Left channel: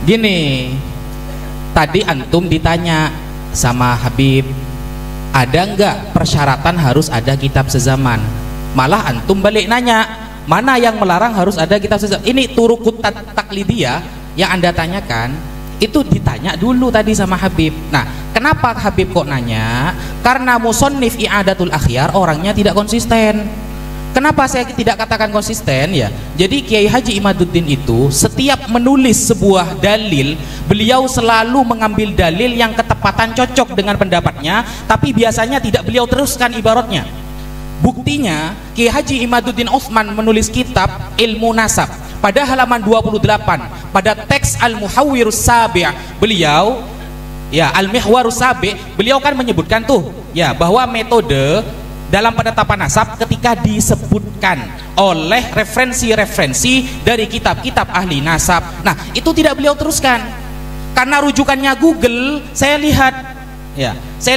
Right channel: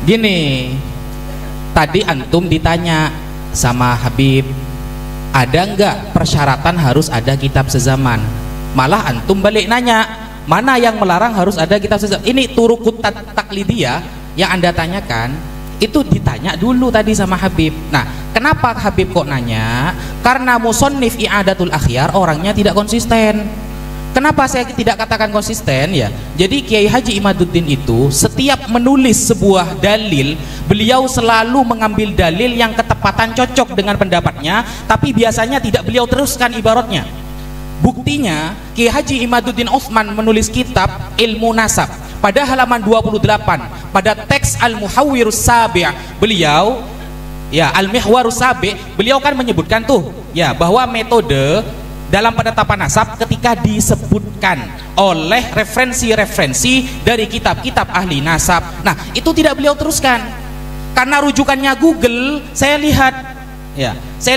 Gini, tadi antum ditanya sama Habib, ada nggak persyaratan harus ada kitab sezaman? Malah antum balik nanya, mana yang melarang harus ada kitab sezaman? Ini turukut taklidiyah yang anda tanyakan, itu ditanya dulu tadi sama Habib. Nah, kenapa Habib kok nanya? Karena musannif I'adatul Akhyar orangnya tidak konsisten. Kenapa saya tidak katakan konsisten ya? Jadi Kiai Haji Imaduddin itu setiap menulis sebuah dalil, beliau selalu mengambil dalil yang ketepatan cocok dengan pendapatnya, tapi biasanya tidak beliau teruskan ibaratnya. Buktinya Kiai Haji Imaduddin Utsman menulis kitab Ilmu Nasab pada halaman 28 pada teks Al-Muhawwirus Sabi' beliau ya Al-Mihwarus Sabi' beliau kan menyebutkan tuh ya bahwa metode dalam penetapan nasab ketika disebutkan oleh referensi-referensi dari kitab-kitab ahli nasab. Nah, itu tidak beliau teruskan. Karena rujukannya Google, saya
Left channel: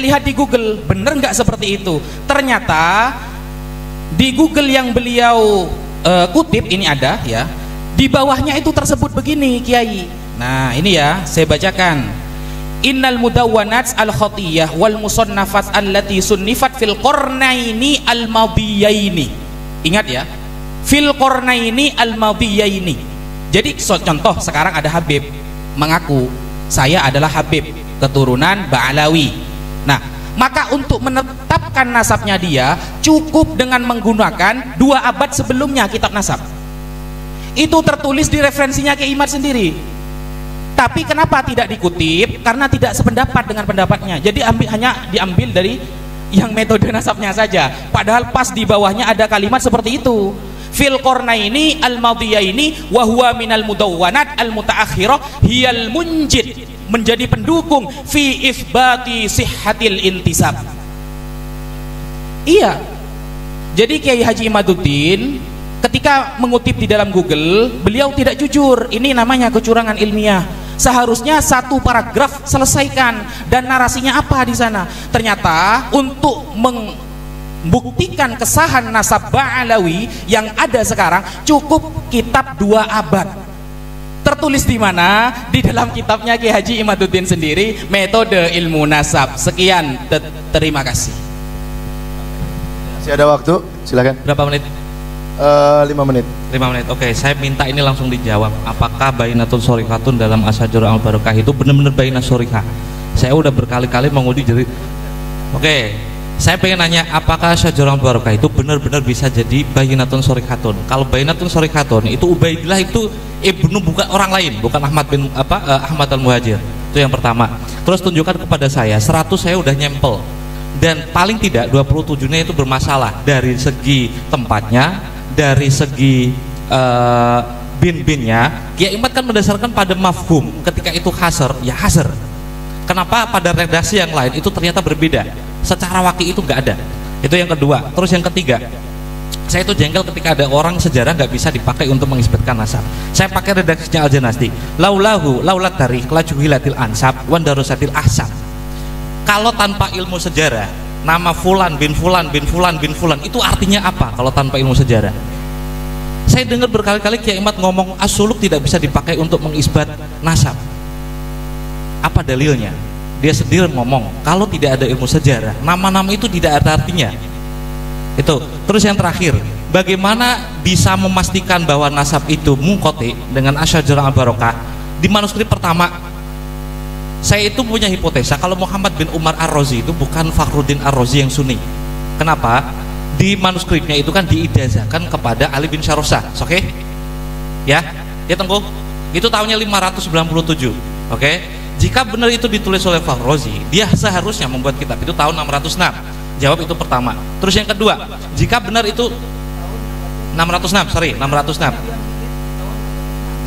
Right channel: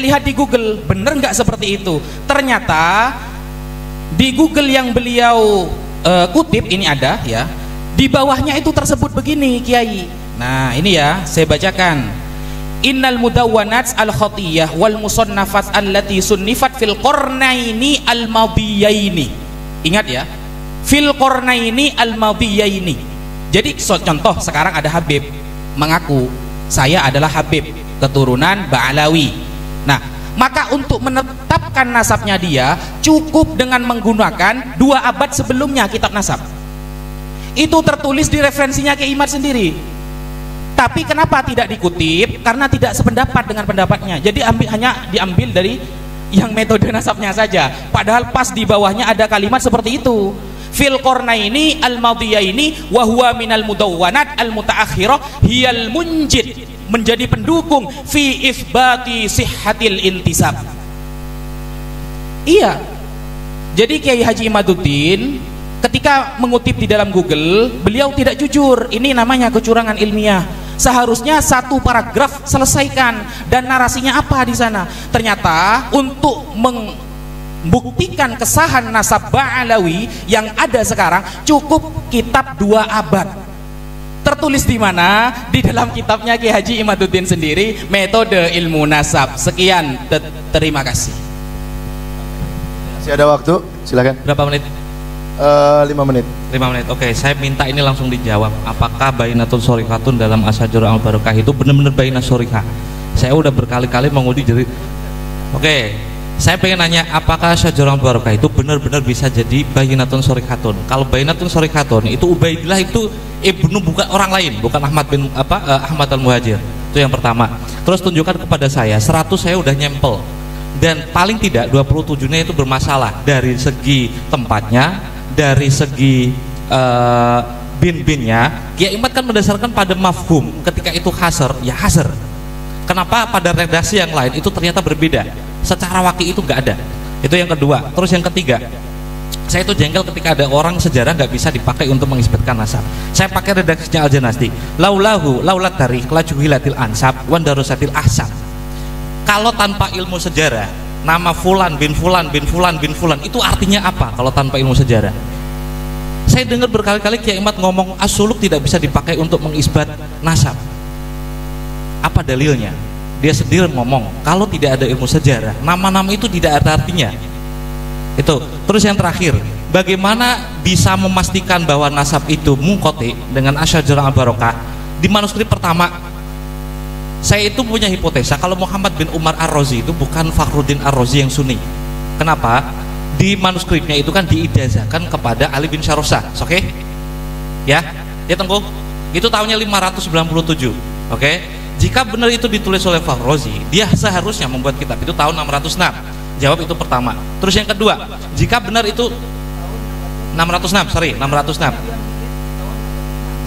lihat di Google, bener nggak seperti itu? Ternyata di Google yang beliau kutip ini ada ya, di bawahnya itu tersebut begini, Kiai. Nah, ini ya, saya bacakan. Innal mudawwanat al-khatiyah wal musannafat allati sunnifat fil qarnaini al-madiyaini. Ingat ya, fil qarnaini al-madiyaini. Jadi contoh sekarang ada Habib mengaku saya adalah Habib keturunan Ba'alawi. Nah, maka untuk menetapkan nasabnya dia cukup dengan menggunakan 2 abad sebelumnya kitab nasab. Itu tertulis di referensinya Kiai Imad sendiri. Tapi kenapa tidak dikutip? Karena tidak sependapat dengan pendapatnya. Jadi hanya diambil dari yang metode nasabnya saja. Padahal pas di bawahnya ada kalimat seperti itu. Fil qarnaini al-madiyaini wa huwa minal mudawwanat al-mutaakhirah hiyal munjid, menjadi pendukung fi itsbati sihhatil intisab. Iya. Jadi Kiai Haji Imaduddin ketika mengutip di dalam Google, beliau tidak jujur. Ini namanya kecurangan ilmiah. Seharusnya 1 paragraf selesaikan dan narasinya apa di sana. Ternyata untuk membuktikan kesahan nasab Ba'alawi yang ada sekarang cukup kitab 2 abad. Tertulis di mana? Di dalam kitabnya Kiai Haji Imaduddin sendiri, Metode Ilmu Nasab. Sekian, terima kasih. Masih ada waktu, silakan. Berapa menit? 5 menit. 5 menit. Oke, saya minta ini langsung dijawab. Apakah bainatun shorikatun dalam Asyajur al-Barakah itu benar-benar bainat shorikah? Saya udah berkali-kali menguji jadi. Oke, saya pengen nanya, apakah Asyajur al-Barakah itu benar-benar bisa jadi bainatun shorikatun? Kalau bainatun shorikatun itu Ubaidillah itu ibnu bukan orang lain, bukan Ahmad bin Ahmad al-Muhajir. Itu yang pertama. Terus tunjukkan kepada saya 100 saya udah nyempel. Dan paling tidak 27-nya itu bermasalah dari segi tempatnya, dari segi bin-binnya. Kiai Imad kan mendasarkan pada mafhum, ketika itu hasr, ya hasr. Kenapa pada redaksi yang lain itu ternyata berbeda? Secara waki itu nggak ada. Itu yang kedua. Terus yang ketiga, saya itu jengkel ketika ada orang sejarah nggak bisa dipakai untuk mengisbatkan nasab. Saya pakai redaksinya Al-Janasti. Laulat tarikh la juhilatil ansab wan darusatil ahsab. Kalau tanpa ilmu sejarah, nama fulan bin fulan bin fulan bin fulan itu artinya apa kalau tanpa ilmu sejarah? Saya dengar berkali-kali Kiai Imad ngomong as-suluk tidak bisa dipakai untuk mengisbat nasab. Apa dalilnya? Dia sendiri ngomong kalau tidak ada ilmu sejarah, nama-nama itu tidak ada artinya. Itu. Terus yang terakhir, bagaimana bisa memastikan bahwa nasab itu munqati dengan Asyajur al-Barakah? Di manuskrip pertama saya itu punya hipotesa kalau Muhammad bin Umar Ar-Razi itu bukan Fakhruddin Ar-Razi yang Sunni. Kenapa? Di manuskripnya itu kan diijazahkan kepada Ali bin Syarusah. Oke? Ya, dia tunggu. Itu tahunnya 597. Oke? Jika benar itu ditulis oleh Fakhruddin, dia seharusnya membuat kitab itu tahun 606. Jawab itu pertama. Terus yang kedua, jika benar itu 606.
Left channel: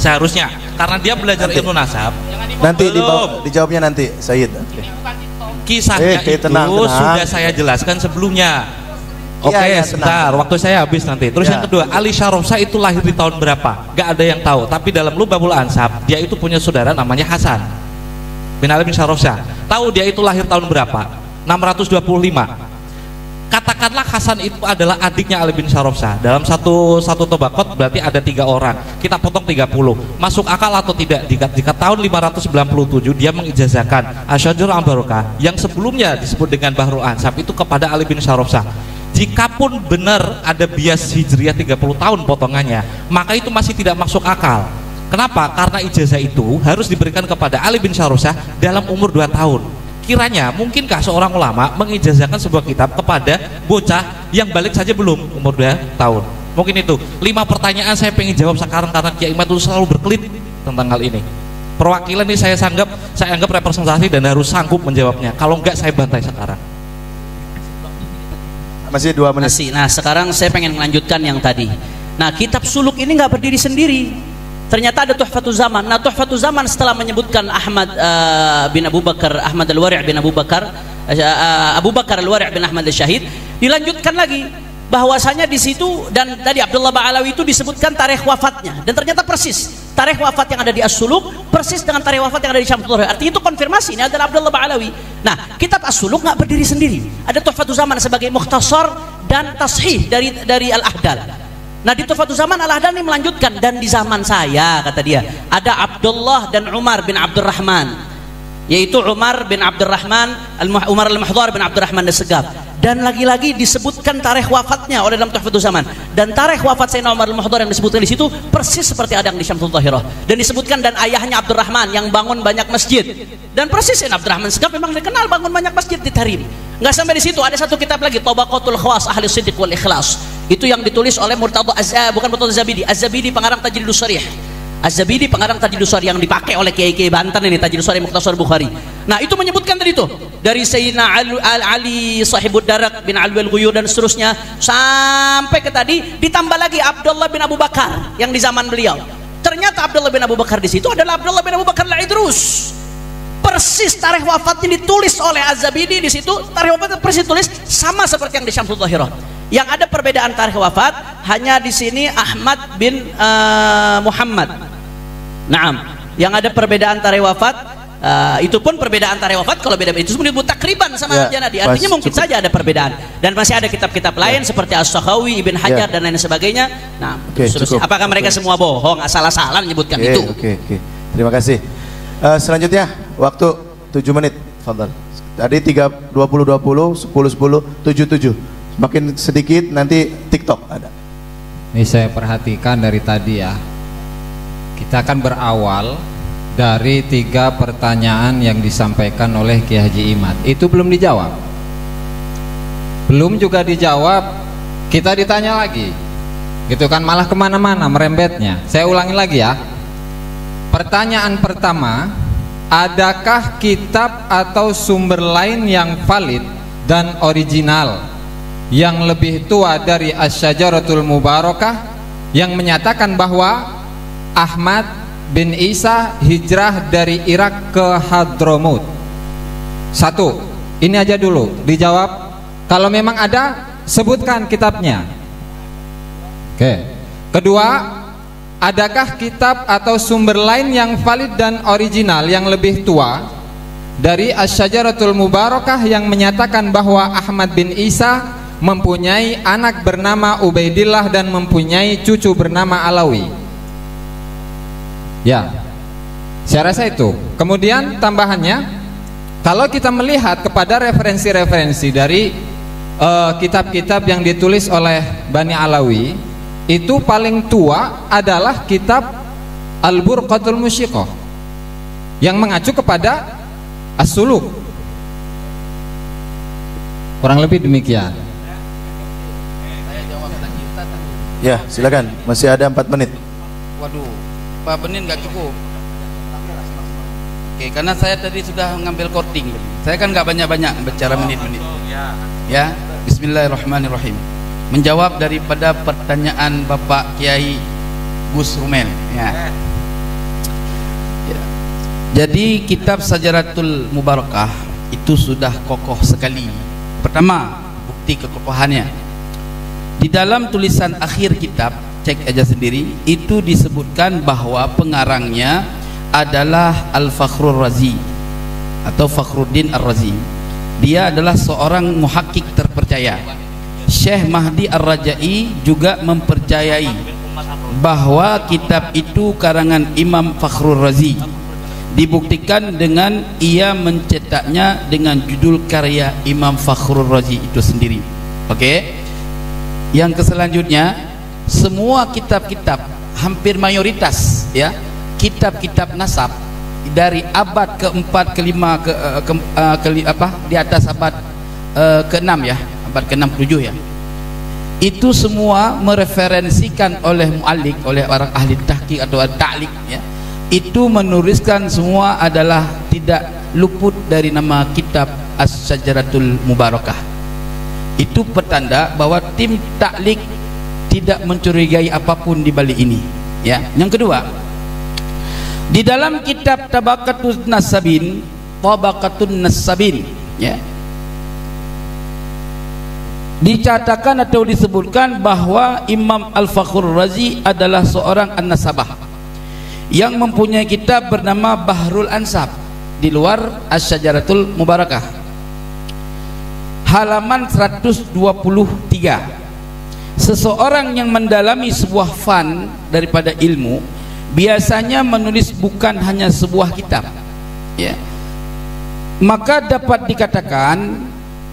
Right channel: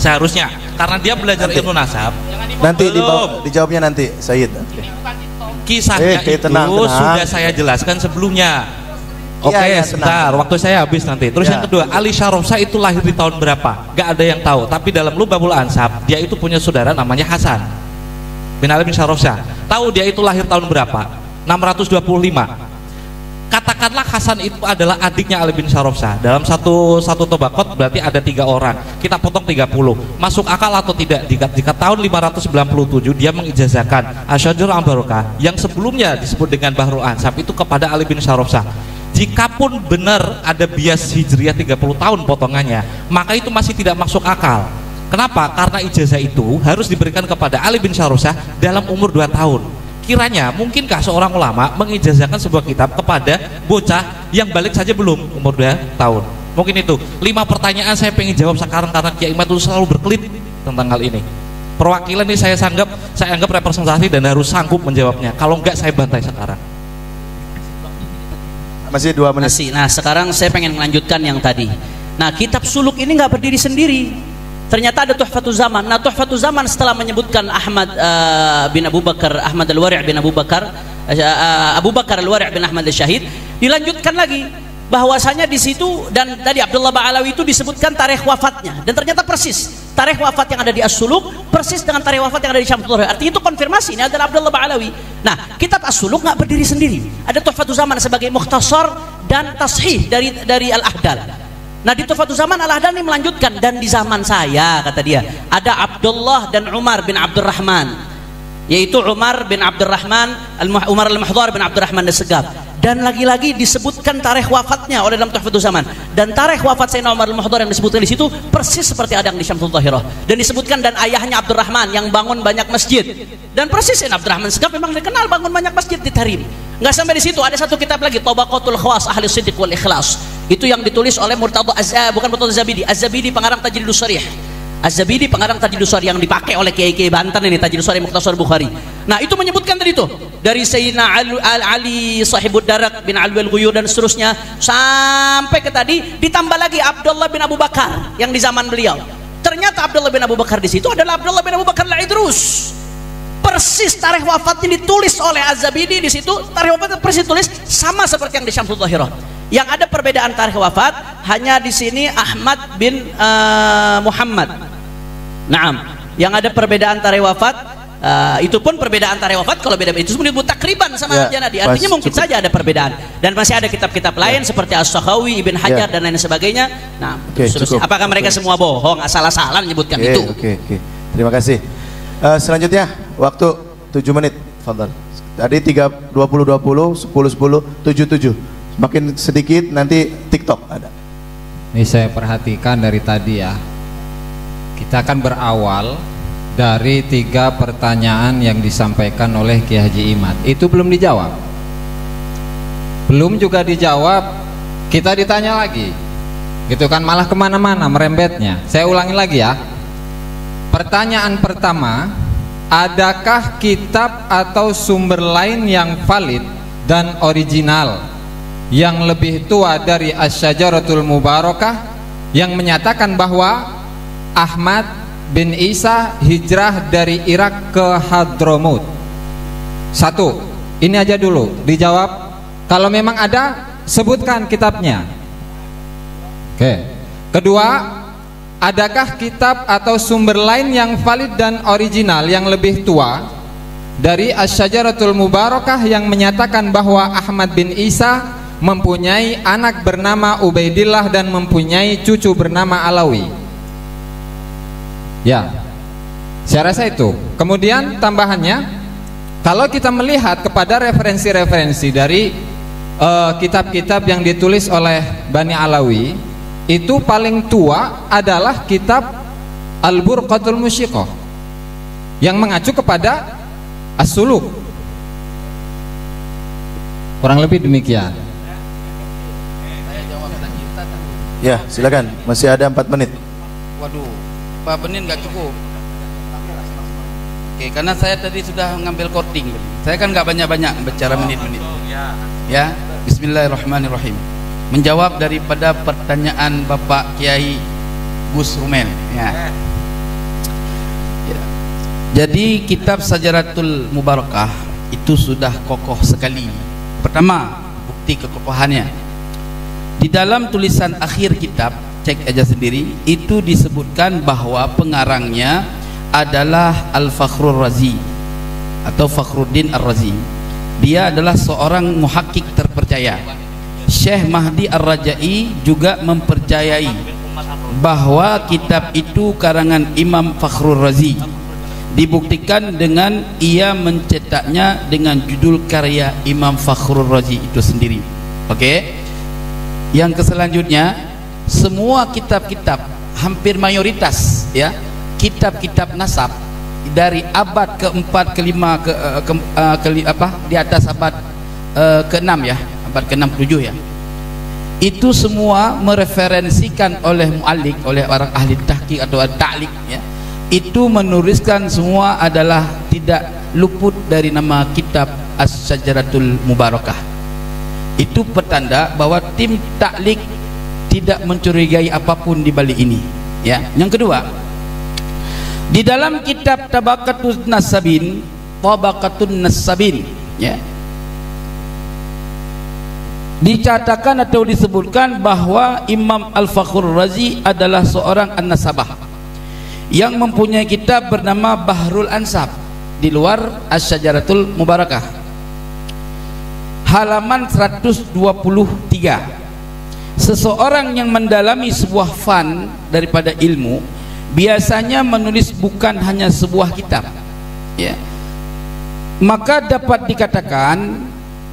Seharusnya, karena dia belajar ilmu nasab. Nanti dijawabnya nanti, Sayyid. Kisahnya itu tenang. Sudah saya jelaskan sebelumnya. Iya, sebentar, waktu saya habis nanti. Terus yang kedua, Ali Syarofsa itu lahir di tahun berapa? Gak ada yang tahu. Tapi dalam Lubabul Ansab, dia itu punya saudara namanya Hasan bin Ali bin Syarofsa. Tahu dia itu lahir tahun berapa? 625. Katakanlah Hasan Hasan itu adalah adiknya Ali bin Syarafsyah. Dalam satu tobakot berarti ada 3 orang. Kita potong 30. Masuk akal atau tidak? Jika tahun 597 dia mengijazahkan Asyhadu an Barokah yang sebelumnya disebut dengan Bahrul Ansab itu kepada Ali bin Syarafsyah. Jikapun benar ada bias hijriah 30 tahun potongannya, maka itu masih tidak masuk akal. Kenapa? Karena ijazah itu harus diberikan kepada Ali bin Syarafsyah dalam umur 2 tahun. Kiranya mungkinkah seorang ulama mengijazahkan sebuah kitab kepada bocah yang balik saja belum umur 2 tahun? Mungkin itu 5 pertanyaan saya pengen jawab sekarang karena Kiai Imad selalu berkelit tentang hal ini. Perwakilan ini saya anggap representasi dan harus sanggup menjawabnya. Kalau enggak saya bantai sekarang. Masih 2 menit. Nah, sekarang saya pengen melanjutkan yang tadi. Nah, kitab suluk ini nggak berdiri sendiri. Ternyata ada Tuhfatul Zaman. Nah, Tuhfatul Zaman setelah menyebutkan Ahmad bin Abu Bakar, Ahmad Al-Wari' bin Abu Bakar, Abu Bakar Al-Wari' bin Ahmad Al-Syahid, dilanjutkan lagi bahwasanya di situ dan tadi Abdullah Ba'alawi itu disebutkan tarikh wafatnya dan ternyata persis tarikh wafat yang ada di As-Suluk persis dengan tarikh wafat yang ada di Syamsul Huda. Artinya itu konfirmasi ini adalah Abdullah Ba'alawi. Nah, kitab As-Suluk nggak berdiri sendiri. Ada Tuhfatul Zaman sebagai mukhtasar dan tashih dari Al-Ahdal. Nah, di Tuhfatul Zaman Al-Ahdal ini melanjutkan, dan di zaman saya kata dia ada Abdullah dan Umar bin Abdurrahman, yaitu Umar bin Abdurrahman Umar Al-Mahdhar bin Abdurrahman As-Segaf, dan lagi-lagi disebutkan tarikh wafatnya oleh dalam Tuhfatul Zaman, dan tarikh wafat Sayyidina Umar Al-Mahdhar yang disebutkan di situ persis seperti ada yang di Syamsul Dhahirah, dan disebutkan dan ayahnya Abdurrahman yang bangun banyak masjid, dan persis Sayyidina Abdurrahman As-Segaf memang dikenal bangun banyak masjid di Tarim. Nggak sampai di situ, ada satu kitab lagi Tabaqatul Khawas Ahli Siddiq wal Ikhlas. Itu yang ditulis oleh Murtadha bukan Murtadha Zabidi. Az-Zabidi pengarang Tajridus Sharih. Az-Zabidi pengarang Tajridus Sharih yang dipakai oleh kiai-kiai Banten ini, Tajridus Sharih Mukhtasar Bukhari. Nah, itu menyebutkan tadi itu dari Sayyidina Ali Sahibud Darak bin Alwi al-Ghuyur dan seterusnya sampai ke tadi, ditambah lagi Abdullah bin Abu Bakar yang di zaman beliau. Ternyata Abdullah bin Abu Bakar di situ adalah Abdullah bin Abu Bakar al-Idrus. Persis tarikh wafatnya ditulis oleh Az-Zabidi di situ, tarikh wafatnya persis ditulis sama seperti yang di Syamsul Dhahirah. Yang ada perbedaan tarikh wafat hanya di sini Ahmad bin Muhammad. Naam, yang ada perbedaan tarikh wafat itu pun perbedaan tarikh wafat kalau beda itu sebenarnya takriban sama Janadi. Artinya mungkin saja ada perbedaan. Dan masih ada kitab-kitab lain seperti As-Sakhawi, Ibn Hajar dan lain sebagainya. Nah, apakah mereka semua bohong, asal-asalan menyebutkan itu? Oke. Terima kasih. Selanjutnya waktu 7 menit. Tadi 20 10 10 7 7. Bikin sedikit nanti TikTok ada. Ini saya perhatikan dari tadi ya. Kita akan berawal dari 3 pertanyaan yang disampaikan oleh Ki Haji Imad. Itu belum dijawab. Belum juga dijawab, kita ditanya lagi. Gitu kan, malah kemana-mana merembetnya. Saya ulangi lagi ya. Pertanyaan pertama, adakah kitab atau sumber lain yang valid dan original yang lebih tua dari Asy-Syajaratul Mubarakah yang menyatakan bahwa Ahmad bin Isa hijrah dari Irak ke Hadramut? 1. Ini aja dulu dijawab. Kalau memang ada, sebutkan kitabnya. Oke. Kedua, adakah kitab atau sumber lain yang valid dan original yang lebih tua dari Asy-Syajaratul Mubarakah yang menyatakan bahwa Ahmad bin Isa mempunyai anak bernama Ubaidillah dan mempunyai cucu bernama Alawi? Ya, saya rasa itu. Kemudian tambahannya, kalau kita melihat kepada referensi-referensi dari kitab-kitab yang ditulis oleh Bani Alawi, itu paling tua adalah kitab Al-Burqatul Musyiqah yang mengacu kepada As-Suluk. Kurang lebih demikian. Ya, silakan. Masih ada 4 menit. Waduh, 4 menit nggak cukup. Oke, karena saya tadi sudah ngambil coding. Saya kan nggak banyak-banyak bicara menit-menit. Ya, Bismillahirrahmanirrahim. Menjawab daripada pertanyaan Bapak Kiai Gus Rumel. Ya. Jadi kitab Syajaratul Mubarakah itu sudah kokoh sekali. Pertama, bukti kekokohannya. Di dalam tulisan akhir kitab, cek aja sendiri, itu disebutkan bahwa pengarangnya adalah Al-Fakhrur Razi atau Fakhruddin Ar-Razi. Dia adalah seorang muhakkik terpercaya. Syekh Mahdi Ar-Rajai juga mempercayai bahwa kitab itu karangan Imam Fakhrul Razi. Dibuktikan dengan ia mencetaknya dengan judul karya Imam Fakhrul Razi itu sendiri. Oke. Yang selanjutnya, semua kitab-kitab, hampir mayoritas ya, kitab-kitab nasab dari abad ke-4, ke-5, di atas abad ke-6 ya, abad ke-6, 7 ya. Itu semua mereferensikan oleh mu'alif, oleh orang ahli tahqiq atau ta'liq ya. Itu menuliskan semua adalah tidak luput dari nama kitab As-Syajaratul Mubarakah. Itu petanda bahwa tim ta'liq tidak mencurigai apapun di balik ini ya. Yang kedua, di dalam kitab Tabaqatun Nasabin ya, dicatakan atau disebutkan bahwa Imam Al-Fakhrul Razi adalah seorang an-nasabah yang mempunyai kitab bernama Bahrul Ansab di luar Asy-Syajaratul Mubarakah, halaman 123. Seseorang yang mendalami sebuah fan daripada ilmu biasanya menulis bukan hanya sebuah kitab ya. Maka dapat dikatakan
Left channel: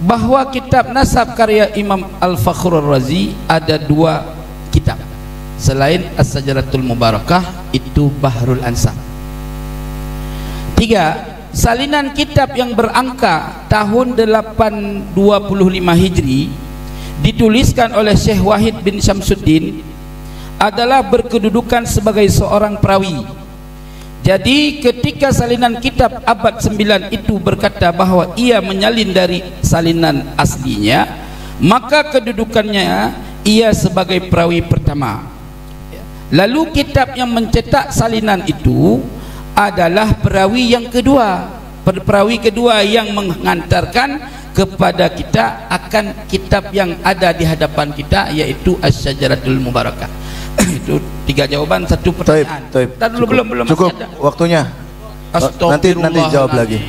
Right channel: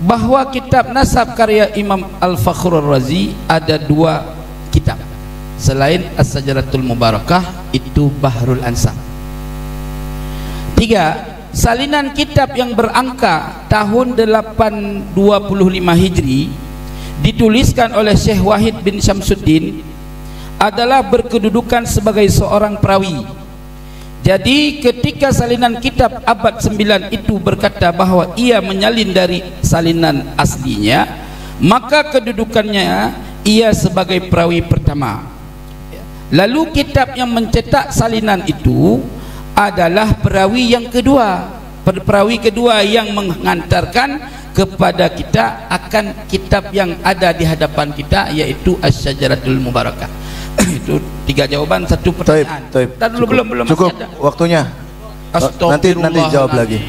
bahwa kitab nasab karya Imam Al-Fakhrul Razi ada 2 kitab selain As-Syajaratul Mubarakah, itu Bahrul Ansab. 3. Salinan kitab yang berangka tahun 825 Hijri dituliskan oleh Syekh Wahid bin Syamsuddin adalah berkedudukan sebagai seorang perawi. Jadi ketika salinan kitab abad 9 itu berkata bahwa ia menyalin dari salinan aslinya, maka kedudukannya ia sebagai perawi pertama. Lalu kitab yang mencetak salinan itu adalah perawi yang kedua, perawi kedua yang mengantarkan kepada kita akan kitab yang ada di hadapan kita, yaitu Asy-Syajaratul Mubarakah. Itu 3 jawaban, 1 pertanyaan. Belum cukup waktunya. Nanti jawab lagi.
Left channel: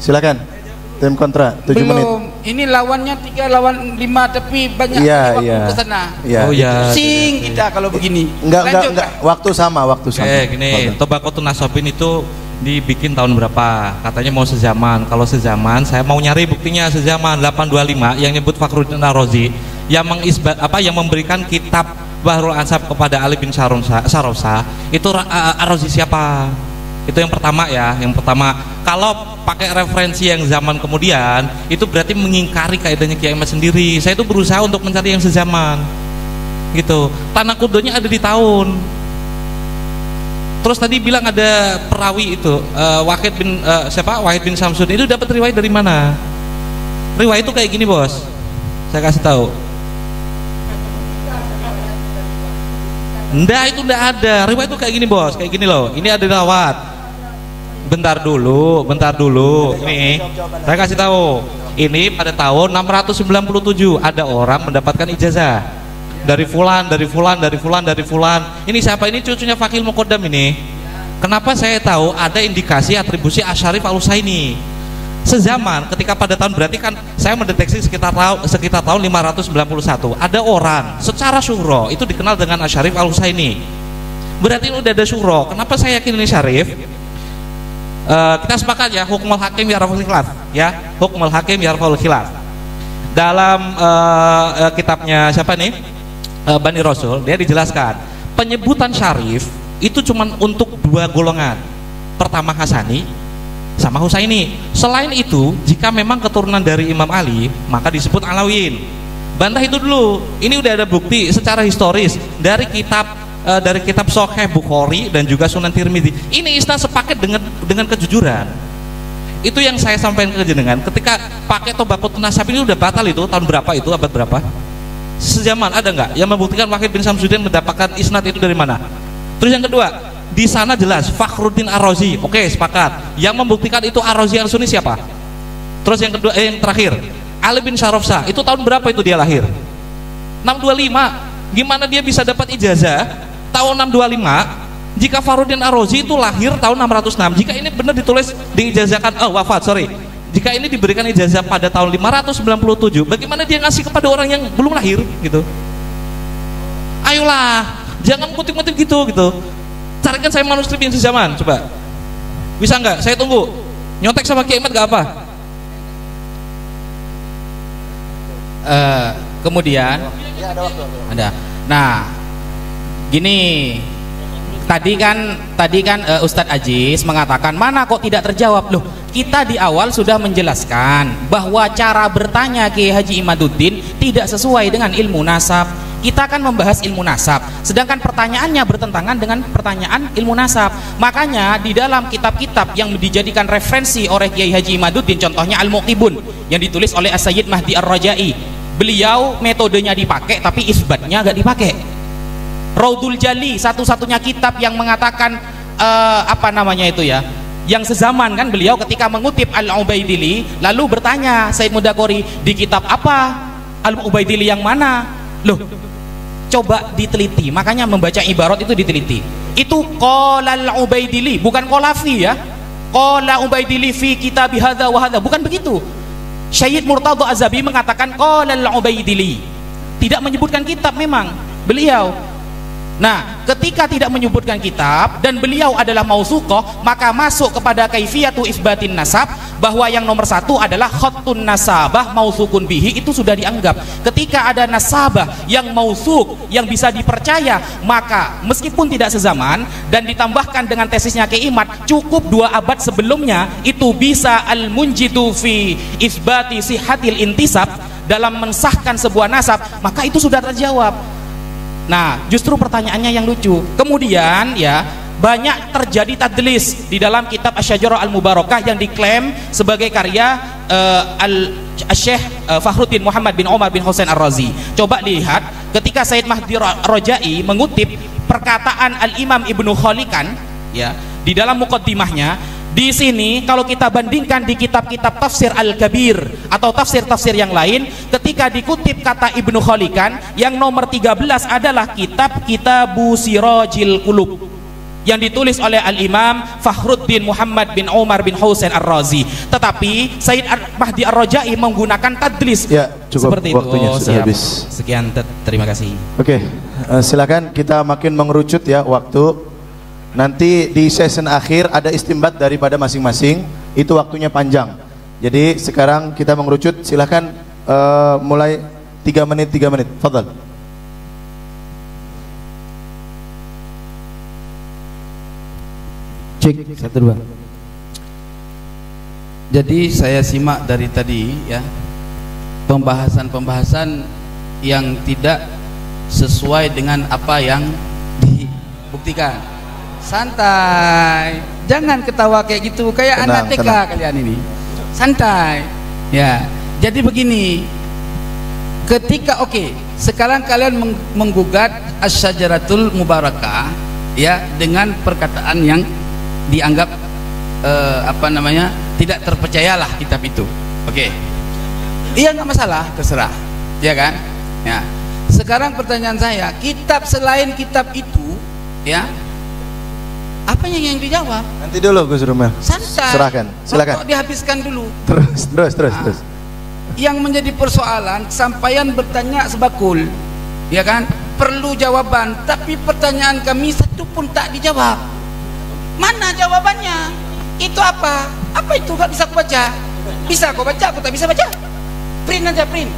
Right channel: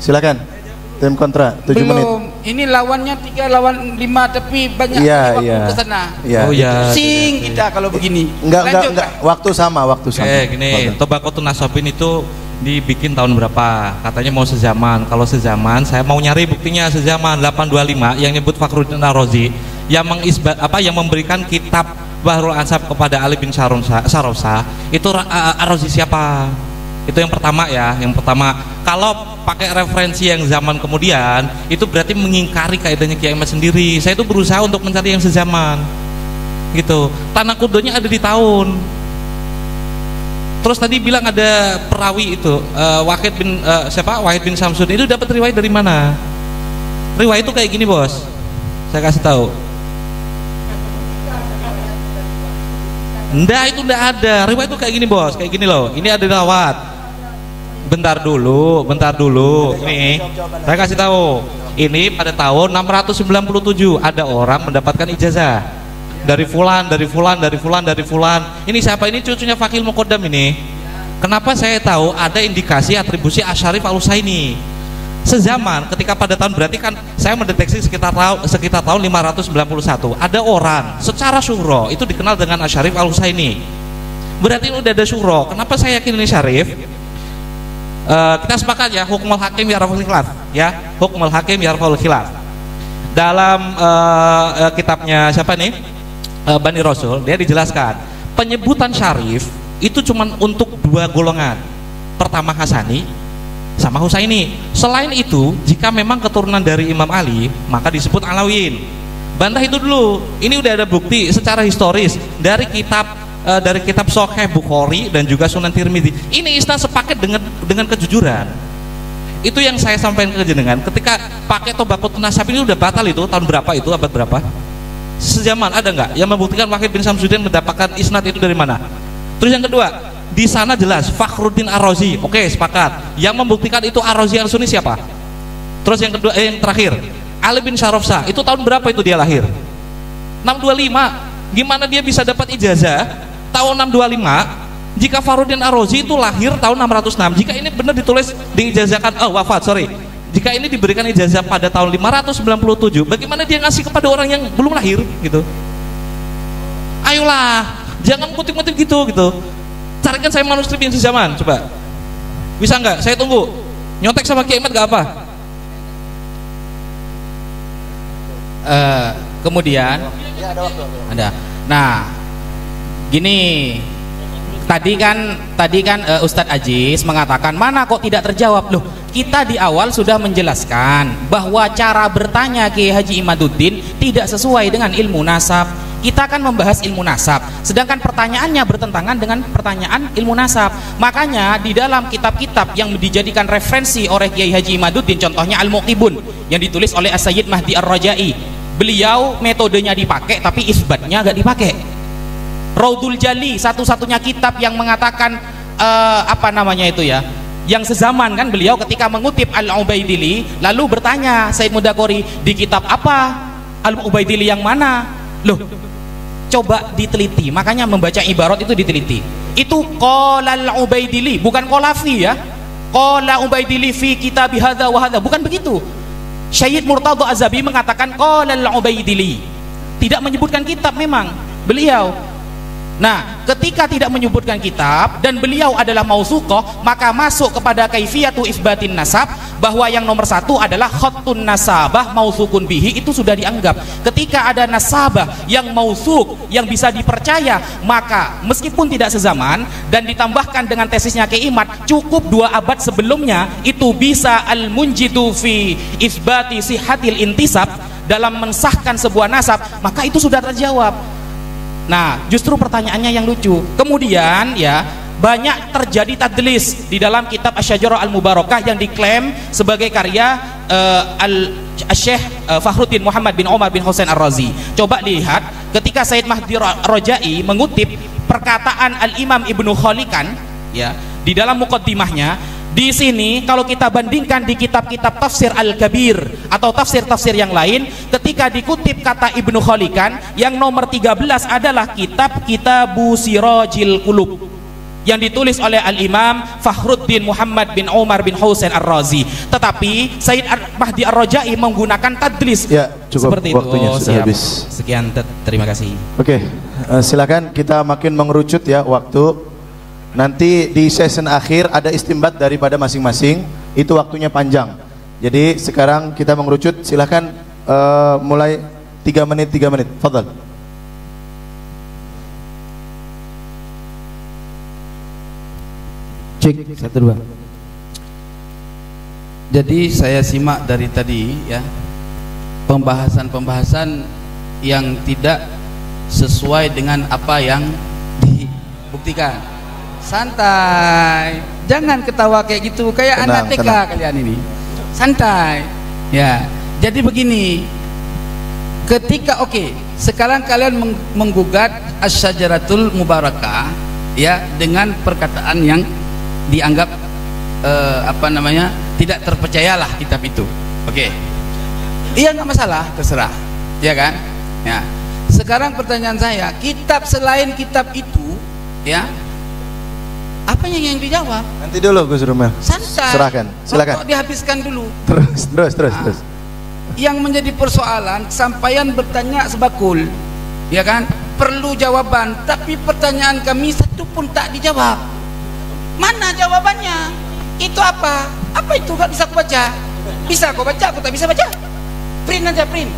Silakan. Tim kontra 7 menit. Ini lawannya 3 lawan 5 tapi banyak waktu ke sana. Oh iya. Sing kita kalau begini. Enggak. Waktu sama. Gini, Tabaqatun Nasabin itu dibikin tahun berapa? Katanya mau sezaman. Kalau sezaman, saya mau nyari buktinya sezaman 825 yang nyebut Fakhruddin Ar-Razi yang yang memberikan kitab Bahrul Ansab kepada Ali bin Sarosa. Itu Ar-Razi siapa? Itu yang pertama ya. Yang pertama, kalau pakai referensi yang zaman kemudian, itu berarti mengingkari kaidahnya Kiai Ahmad sendiri. Saya itu berusaha untuk mencari yang sezaman. Gitu. Tanah kudonya ada di tahun. Terus tadi bilang ada perawi itu Wahid bin Syamsuddin itu dapat riwayat dari mana? Riwayat itu kayak gini, Bos. Saya kasih tahu. Enggak, itu enggak ada. Riwayat itu kayak gini, Bos. Kayak gini loh. Ini ada rawat. Bentar dulu. Nih, saya kasih tahu. Ini pada tahun 697 ada orang mendapatkan ijazah dari fulan. Ini siapa? Ini cucunya Fakih Muqaddam ini. Kenapa saya tahu ada indikasi atribusi Asy'arif Al-Husaini sezaman ketika pada tahun, berarti kan saya mendeteksi sekitar tahun 591 ada orang secara syuhro itu dikenal dengan Asy'arif Al-Husaini. Berarti udah ada syuhro. Kenapa saya yakin ini Syarif? Kita sepakat ya, Hukmul Hakim Yarfa'ul Khilaf ya, Hukmul Hakim Yarfa'ul Khilaf. Dalam kitabnya siapa nih? Bani Rasul, dia dijelaskan penyebutan Syarif itu cuma untuk 2 golongan. Pertama Hasani sama Husaini. Selain itu, jika memang keturunan dari Imam Ali, maka disebut Alawiyyin. Bantah itu dulu. Ini udah ada bukti secara historis dari kitab Sahih Bukhari dan juga Sunan Tirmidzi. Ini Ista sepakat dengan kejujuran. Itu yang saya sampaikan ke jenengan. Ketika pakai Tabaqatun Nasab ini udah batal itu tahun berapa itu, abad berapa? Sejaman ada nggak yang membuktikan Wahid bin Syamsuddin mendapatkan isnad itu dari mana? Terus yang kedua, di sana jelas Fakhruddin Ar-Razi. Oke, sepakat. Yang membuktikan itu Ar-Razi Al-Sunni siapa? Terus yang kedua, yang terakhir, Ali bin Sarosa. Itu tahun berapa itu dia lahir? 625. Gimana dia bisa dapat ijazah tahun 625 jika Fakhruddin Ar-Razi itu lahir tahun 606? Jika ini benar ditulis diijazahkan, wafat, sorry, Jika ini diberikan ijazah pada tahun 597, bagaimana dia ngasih kepada orang yang belum lahir gitu? Ayolah, jangan kutip-kutip gitu. Carikan saya manuskrip yang sezaman, coba. Bisa nggak? Saya tunggu. Nyontek sama Kiai Ahmad nggak apa? Kemudian ada. Nah, gini. Tadi kan Ustadz Aziz mengatakan mana kok tidak terjawab loh. Kita di awal sudah menjelaskan bahwa cara bertanya Kiai Haji Imaduddin tidak sesuai dengan ilmu nasab. Kita akan membahas ilmu nasab, sedangkan pertanyaannya bertentangan dengan pertanyaan ilmu nasab. Makanya di dalam kitab-kitab yang dijadikan referensi oleh Kiai Haji Imaduddin, contohnya Al-Mu'tibun yang ditulis oleh Sayyid Mahdi Ar-Rajai, beliau metodenya dipakai tapi isbatnya gak dipakai. Raudul Jali, satu-satunya kitab yang mengatakan yang sezaman kan, beliau ketika mengutip Al-Ubaidili lalu bertanya Said Mudakori, di kitab apa Al-Ubaidili yang mana? Loh, coba diteliti. Makanya membaca ibarat itu diteliti. Itu qala Al-Ubaidili, bukan qolafi ya. Qala Ubaidili fi kitab hadza wa hadza, bukan begitu. Syed Murtadha Az-Zabi mengatakan qala Al-Ubaidili, tidak menyebutkan kitab memang beliau. Nah, ketika tidak menyebutkan kitab dan beliau adalah mausuqah, maka masuk kepada kaifiyatu isbatin nasab, bahwa yang nomor satu adalah khattun nasabah mausukun bihi, itu sudah dianggap. Ketika ada nasabah yang mausuk, yang bisa dipercaya, maka meskipun tidak sezaman dan ditambahkan dengan tesisnya Kiai Imad, cukup 2 abad sebelumnya, itu bisa al-munjidu fi isbati sihhatil intisab, dalam mensahkan sebuah nasab, maka itu sudah terjawab. Nah, justru pertanyaannya yang lucu. Kemudian ya, banyak terjadi tadlis di dalam kitab Asy-Syajarah Al-Mubarakah yang diklaim sebagai karya Al-Syekh Fakhruddin Muhammad bin Umar bin Husain Ar-Razi. Coba lihat ketika Sayyid Mahdi Ar-Rajai mengutip perkataan Al-Imam Ibnu Khalikan ya, di dalam muqaddimahnya. Di sini kalau kita bandingkan di kitab-kitab tafsir Al-Kabir atau tafsir-tafsir yang lain, ketika dikutip kata Ibnu Khalikan, yang nomor 13 adalah kitab Kitabu Sirajil Qulub yang ditulis oleh Al-Imam Fakhruddin Muhammad bin Umar bin Husain Ar-Razi. Tetapi Sayyid Mahdi Ar-Rajai menggunakan tadlis ya, seperti itu. Waktunya sudah habis. Sekian, terima kasih. Oke, silakan kita makin mengerucut ya waktu. Nanti di session akhir ada istimbat daripada masing-masing, itu waktunya panjang. Jadi sekarang kita mengerucut, silakan mulai 3 menit. Fadhal. Cek 1 2. Jadi saya simak dari tadi ya, pembahasan yang tidak sesuai dengan apa yang dibuktikan. Santai, jangan ketawa kayak gitu, kayak anak TK kalian ini. Santai. Ya, jadi begini. Ketika sekarang kalian menggugat Asy-Syajaratul Mubarakah ya, dengan perkataan yang dianggap tidak terpercayalah kitab itu. Iya, nggak masalah, terserah. Ya kan? Nah, sekarang pertanyaan saya, kitab selain kitab itu ya, apa yang dijawab? Nanti dulu Mas Rahmat. Silakan. Dihabiskan dulu. Terus. Yang menjadi persoalan, sampaian bertanya sebakul, ya kan? Perlu jawaban, tapi pertanyaan kami satu pun tak dijawab. Mana jawabannya? Itu apa? Apa itu? Gak bisa aku baca. Bisa aku baca, aku tak bisa baca. Print aja, print.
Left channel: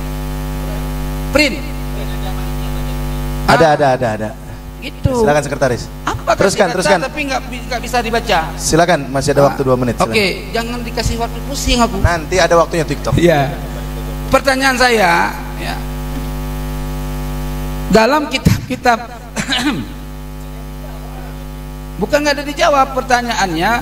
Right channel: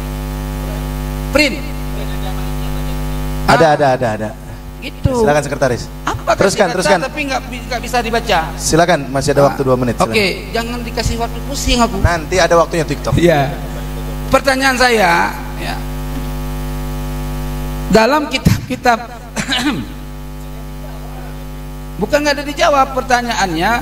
Ada. Itu. Silakan sekretaris. Apa? Teruskan. Tapi nggak bisa dibaca. Silakan, masih ada waktu 2 menit. Oke, jangan dikasih waktu, pusing aku. Nanti ada waktunya TikTok. Iya. Pertanyaan saya, ya. Dalam kitab-kitab bukan nggak ada dijawab pertanyaannya.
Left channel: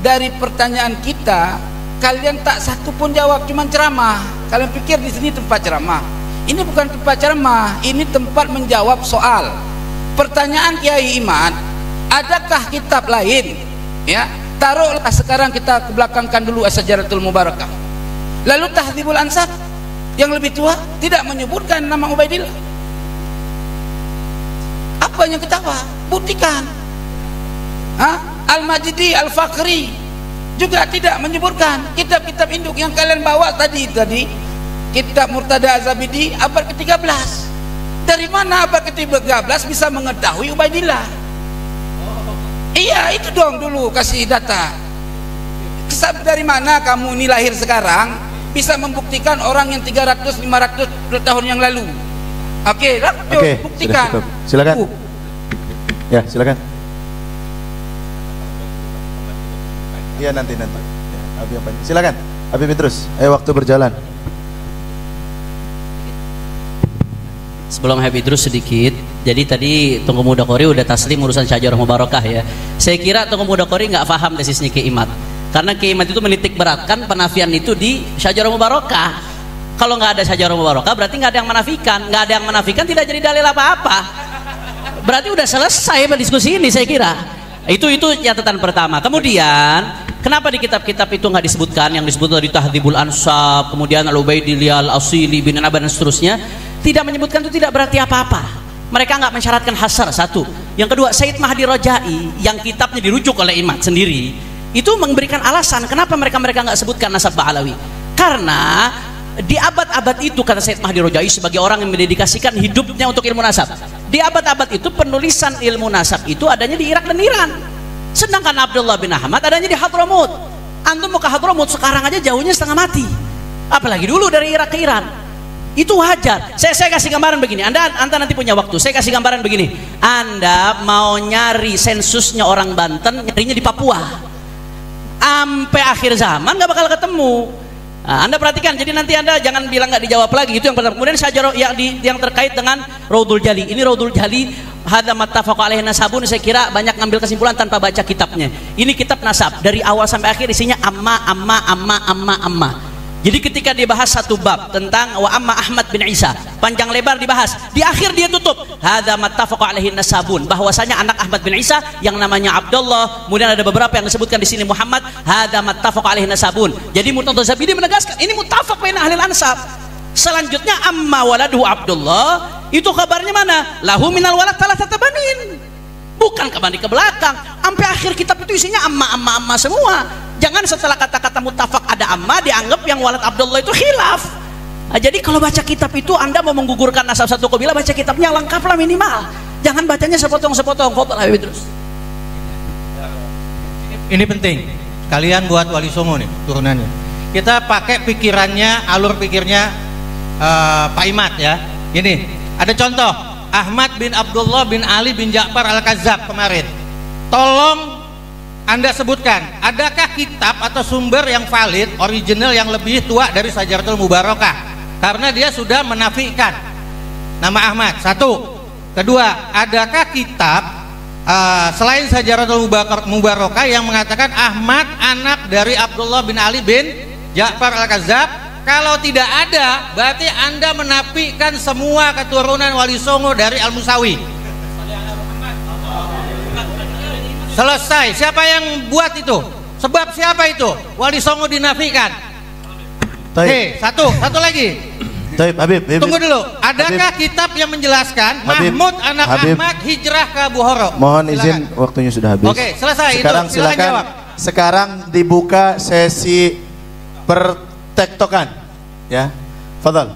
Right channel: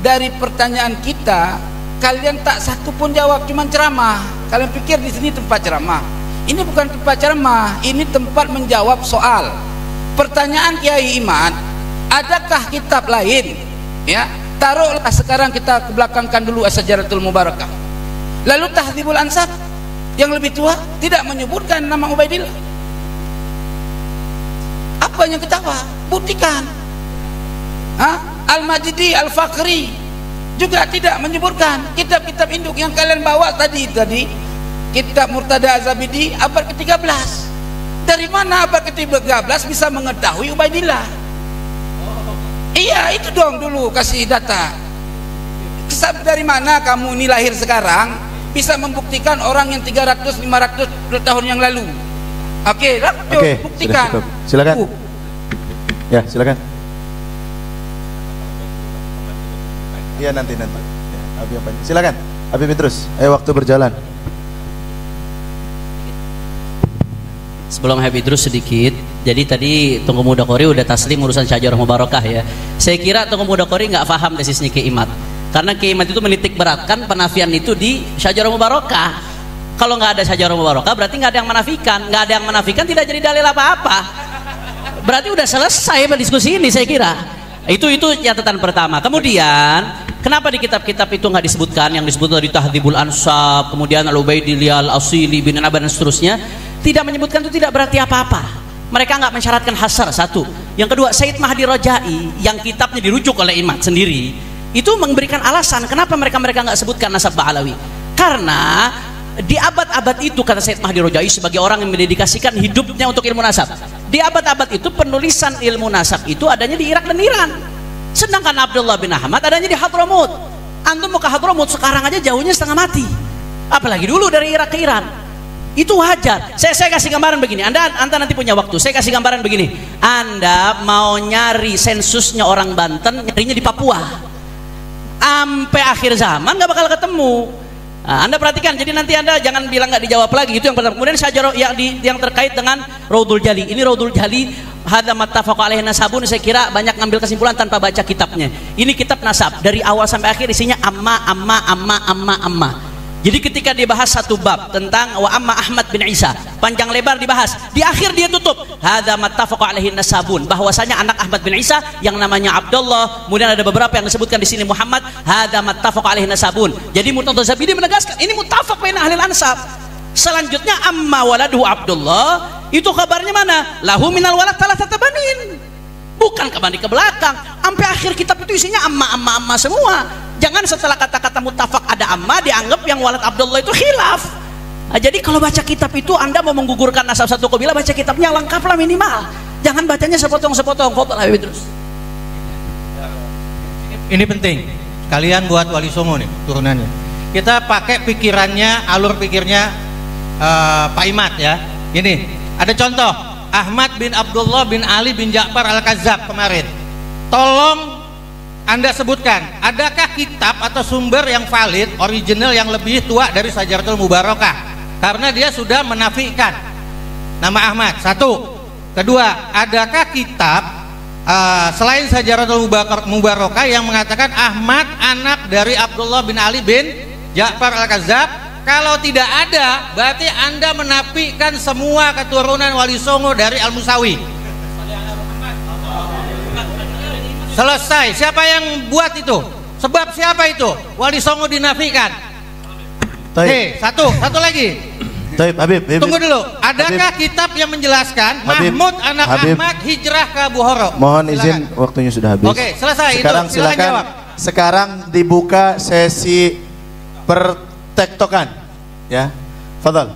Dari pertanyaan kita, kalian tak satu pun jawab, cuma ceramah. Kalian pikir di sini tempat ceramah? Ini bukan tempat ceramah, ini tempat menjawab soal. Pertanyaan Kiai Imad, adakah kitab lain? Ya, taruhlah sekarang kita kebelakangkan dulu Asy-Syajaratul Mubarakah. Lalu Tahdzibul Ansab yang lebih tua tidak menyebutkan nama Ubaidillah. Apa yang ketawa? Buktikan. Al-Majidi, Al-Fakhri juga tidak menyebutkan. Kitab-kitab induk yang kalian bawa tadi kitab Murtada Az-Zabidi abad ke-13. Dari mana abad ke-13 bisa mengetahui Ubaidillah? Iya, itu dong dulu kasih data. Kisah dari mana kamu ini lahir sekarang bisa membuktikan orang yang 300-500 tahun yang lalu? Oke, buktikan. Silakan. Ya, silakan. Iya nanti. Silakan. Habib terus. Ayo waktu berjalan. Sebelum Habib terus sedikit, jadi tadi Tunggu Muda Qori udah taslim urusan Syajarah Mubarakah ya. Saya kira Tunggu Muda Qori nggak paham di sisi Kiimat, karena Kiimat itu menitik beratkan penafian itu di Syajarah Mubarakah. Kalau nggak ada Syajarah Mubarakah berarti nggak ada yang menafikan, nggak ada yang menafikan tidak jadi dalil apa-apa. Berarti udah selesai diskusi ini saya kira. Itu catatan pertama. Kemudian kenapa di kitab-kitab itu nggak disebutkan yang disebut dari Tahdhibul Ansab, kemudian Al-Ubaidillah, Al-Asili, bin Aban dan seterusnya? Tidak menyebutkan itu tidak berarti apa-apa. Mereka nggak mensyaratkan hasar, satu. Yang kedua, Said Mahdi Rajai yang kitabnya dirujuk oleh Imat sendiri itu memberikan alasan kenapa mereka nggak sebutkan nasab Ba'alawi. Karena di abad-abad itu kata Said Mahdi Rajai sebagai orang yang mendedikasikan hidupnya untuk ilmu nasab. Di abad-abad itu penulisan ilmu nasab itu adanya di Irak dan Iran. Sedangkan Abdullah bin Ahmad adanya di Hadramut. Antum mau ke Hadramut sekarang aja jauhnya setengah mati. Apalagi dulu dari Irak ke Iran. Itu wajar. Saya kasih gambaran begini. Anda nanti punya waktu. Saya kasih gambaran begini. Anda mau nyari sensusnya orang Banten, nyarinya di Papua. Sampai akhir zaman nggak bakal ketemu. Nah, Anda perhatikan. Jadi nanti Anda jangan bilang nggak dijawab lagi. Itu yang pertama. Kemudian Syajarah yang terkait dengan Raudul Jali. Ini Raudul Jali. Hada mattafaqu alaihi nasabun. Saya kira banyak ngambil kesimpulan tanpa baca kitabnya. Ini kitab nasab dari awal sampai akhir isinya amma. Jadi ketika dibahas satu bab tentang wa amma Ahmad bin Isa, panjang lebar dibahas. Di akhir dia tutup, hada mattafaqu alaihi nasabun, bahwasanya anak Ahmad bin Isa yang namanya Abdullah, kemudian ada beberapa yang disebutkan di sini Muhammad, hada mattafaqu alaihi nasabun. Jadi Murtada Zabidi menegaskan ini muttafaq baina ahli ansab. Selanjutnya amma waladuhu Abdullah, itu kabarnya mana? Lahu minal walad thalathata banin. Bukan kembali ke belakang, sampai akhir kitab itu isinya amma semua. Jangan setelah kata-kata muttafaq ada amma dianggap yang walad Abdullah itu khilaf. Nah, jadi kalau baca kitab itu Anda mau menggugurkan nasab satu kabilah, baca kitabnya lengkaplah minimal. Jangan bacanya sepotong-sepotong. Terus. Ini penting. Kalian buat Wali Songo nih turunannya. Kita pakai pikirannya, alur pikirnya Pak Imat ya. Gini, ada contoh Ahmad bin Abdullah bin Ali bin Ja'far Al-Kazzab kemarin. Tolong Anda sebutkan, adakah kitab atau sumber yang valid, original yang lebih tua dari Syajaratul Mubarakah? Karena dia sudah menafikan nama Ahmad. Satu. Kedua, adakah kitab selain Syajaratul Mubarakah yang mengatakan Ahmad anak dari Abdullah bin Ali bin Ja'far Al-Kazzab? Kalau tidak ada, berarti Anda menafikan semua keturunan Wali Songo dari Al-Musawi. Selesai. Siapa yang buat itu? Sebab siapa itu? Wali Songo dinafikan. Oke, satu lagi. Habib. Tunggu dulu. Adakah kitab yang menjelaskan Habib, Mahmud anak Habib. Ahmad hijrah ke Bukhara? Mohon Silakan. izin, waktunya sudah habis. Oke, selesai. Sekarang itu. Silakan jawab. Sekarang dibuka sesi pertektokan. Ya. Fadhal.